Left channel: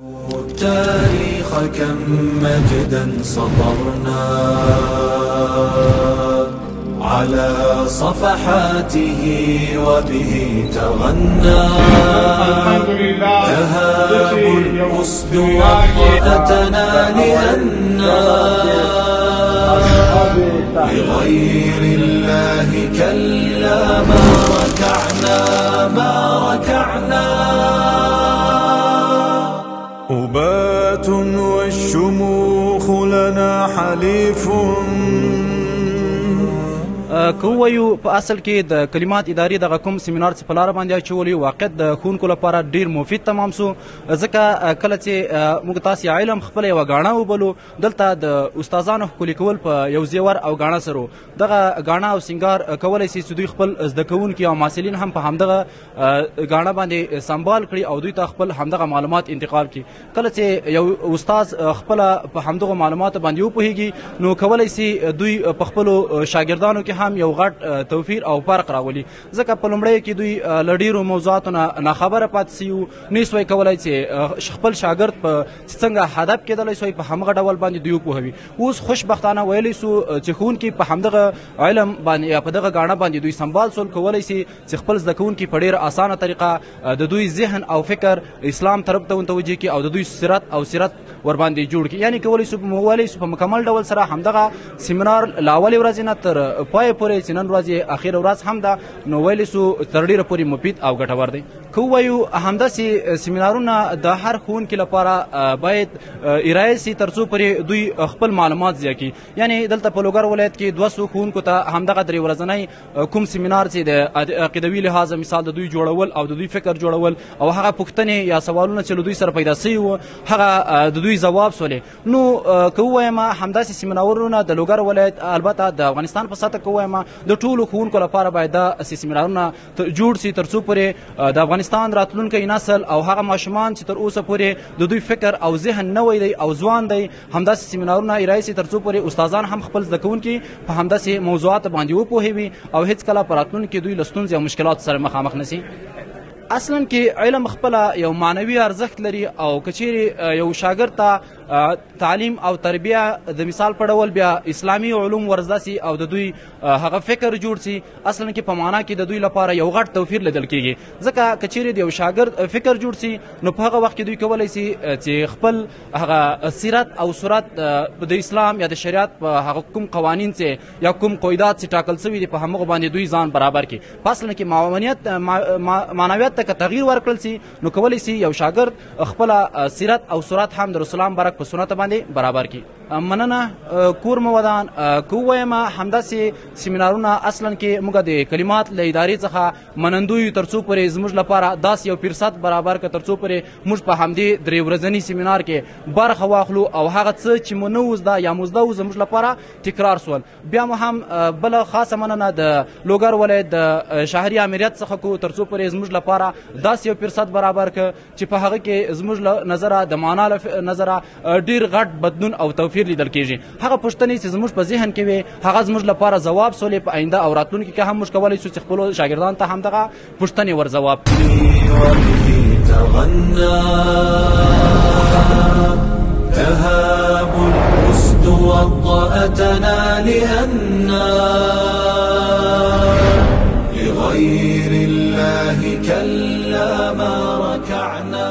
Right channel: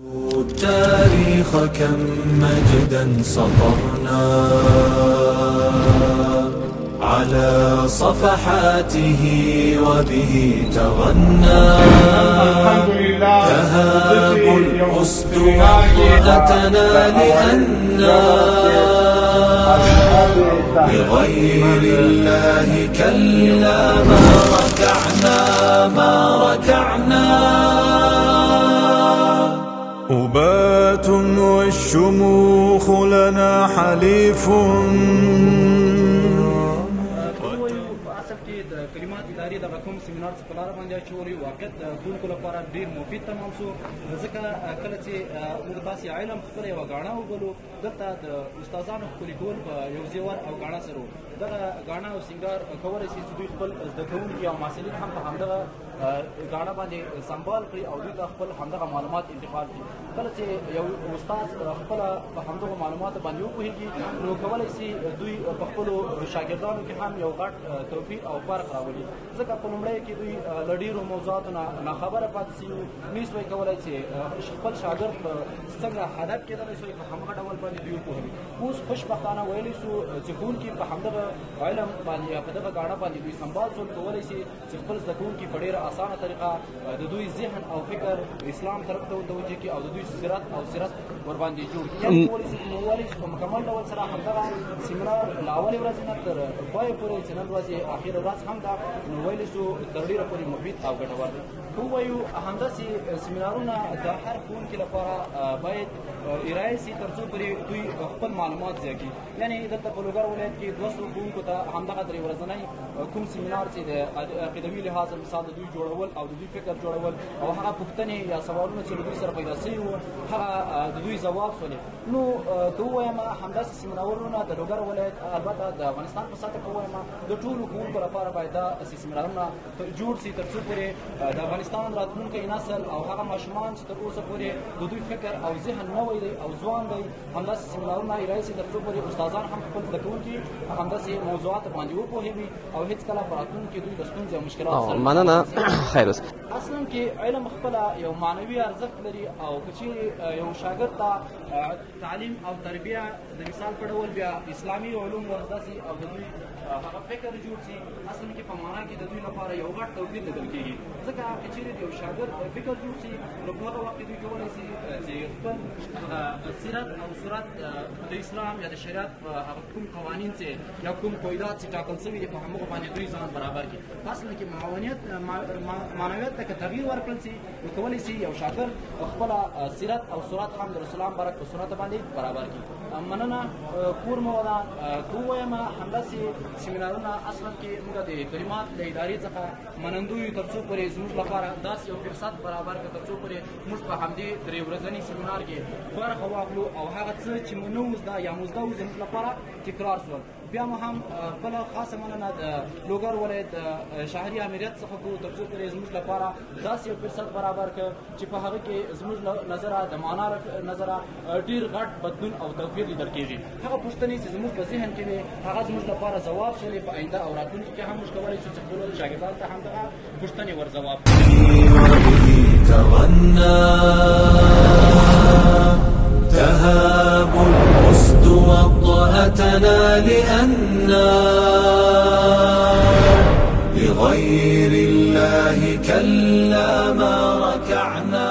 التاريخ كم مجدا سطرنا على صفحاته وبه تغنى. تهاب الأسد وطأتنا لأننا لغير الله كلا ما ركعنا. أبات والشموخ لنا حليف. کوویو په اصل کې د کلمات ادارې دغه کوم سیمینار چې په لاره باندې اچولی واقع د ښوونکو لپاره ډیر مفید تمام سو، ځکه کله چې موږ تاسې علم خپله یوه ګاڼه وبلو، دلته د استادانو ښکلي کول په یو زیور او ګاڼه سره دغه ګاڼه او سینګار کولی شي چې دوی خپل زده کوونکي او محصلین هم په همدغه ګاڼه باندې سنبال کړي او دوی ته خپل همدغه معلومات انتقال کړي. کله چې یو استاد خپله په همدغو معلوماتو باندې وپوهیږي نو کولی شي دوی په خپلو شاګردانو کې هم یو غټ توفیر او فرق راولي، ځکه په لومړیو کې دوی له ډېرو موضوعاتو نه ناخبره پاتې سوي نه سوی کولی چې خپل شاګرد په څنګه هدف کېدلی سوی په همغه ډول باندې دوی وپوهوي. اوس خوشبختانه ویلی سو چې ښوونکي په همدغه علم باندې یا په دغه ګاڼه باندې دوی سنبال سول، کولی شي چې خپل زده کوونکي په ډېره اسانه طریقه د دوی ذهن او فکر اسلام طرف ته متوجه کړي او د دوی سیرت او سیرت ورباندې جوړ کړي. یعنې کولی شو په مکمل ډول سره همدغه سیمینار له اولې ورځې نه تر پای پورې چې نن ورځ یې اخره ورځ هم ده نو ویلی سو تر ډېره پورې مفید او ګټور دی. که ووایو همداسې سیمینارونه د هر ښوونکي لپاره باید ارایه سي تر څو پورې دوی خپل معلومات زیات کړي. یعنې دلته په لوګر ولایت کې 200 ښوونکو ته همدغه درې ورځنی کوم سیمینار چې د عقیدوي لحاظه مثال د دوی جوړول او د دوی فکر جوړول او هغه پوښتنې یا سوالونه چې له دوی سره پیدا سوي وو هغه د دوی ځواب سولې. نو که ووایم همداسې سیمینارونه د لوګر ولایت البته د افغانستان په سطحه که ووایم د ټولو ښوونکو لپاره باید داسې سیمینارونه جوړ سي تر څو پورې د افغانستان راتلونکی نسل او هغه ماشومان چې تر اوسه پورې د دوی فکر او ذهن نوی دی او ځوان دی همداسې سیمینارونه ارایه سي تر څو پورې استادان هم خپل زده کوونکي په همداسې موضوعاتو باندې وپوهوي او هیڅکله په راتلونکي دوی له ستونزې او مشکلاتو سره مخامخ نه سي. اصلا کې علم خپله یو معنوي ارزښت لري او که چیرې یو شاګرد ته تعلیم او تربیه د مثال په ډول بیا اسلامي علوم ورزده سي او د دوی هغه فکر جوړ سي، اصلا کې په معنا کې د دوی لپاره یو غټ توفیر لیدل کېږي. ځکه که چیرې د یو شاګرد فکر جوړ سي نو په هغه وخت کې دوی کولی سي چې خپل هغه سیرت او صورت د اسلام یا د شریعت په هغه کوم قوانین چې یا کوم قواعد چې ټاکل سوي دي په همغو باندې دوی ځان برابر کړي. په اصل کې معنویت ته که تغییر ورکړل سي نو کولی سي یو شاګرد خپله سیرت او صورت هم د رسول الله برک په سنت باندې برابر کړي. مننه کور مو ودان. که ووایم همداسې سیمینارونه اصلا کې موږ د کلمات له ادارې څخه منندوی یو تر څو پورې زموږ لپاره داسې یو فرصت برابر کړه تر څو پورې موږ په همدې درې ورځني سیمینار کې برخه واخلو او هغه څه چې مو نه و زده یا مو زده و زموږ لپاره تکرار سول. بیا مو هم بله خاصه مننه د لوګر ولایت د شهري امریت څخه کو تر څو پورې زموږ لپاره داسې یو فرصت برابر کړه چې په هغه کې زموږ له نظره د معنا له نظره ډېر غټ بدلون او توفیر لیدل کېږي. هغه پوښتنې چې زموږ په ذهن کې وي هغه زموږ لپاره ځواب سولې په آینده او راتلونکي کې هم موږ کولی شو چې خپلو شاګردانو ته همدغه پوښتنې ور ځواب تهاب الأسد وطأتنا لأننا لغير الله كلا ما ركعنا.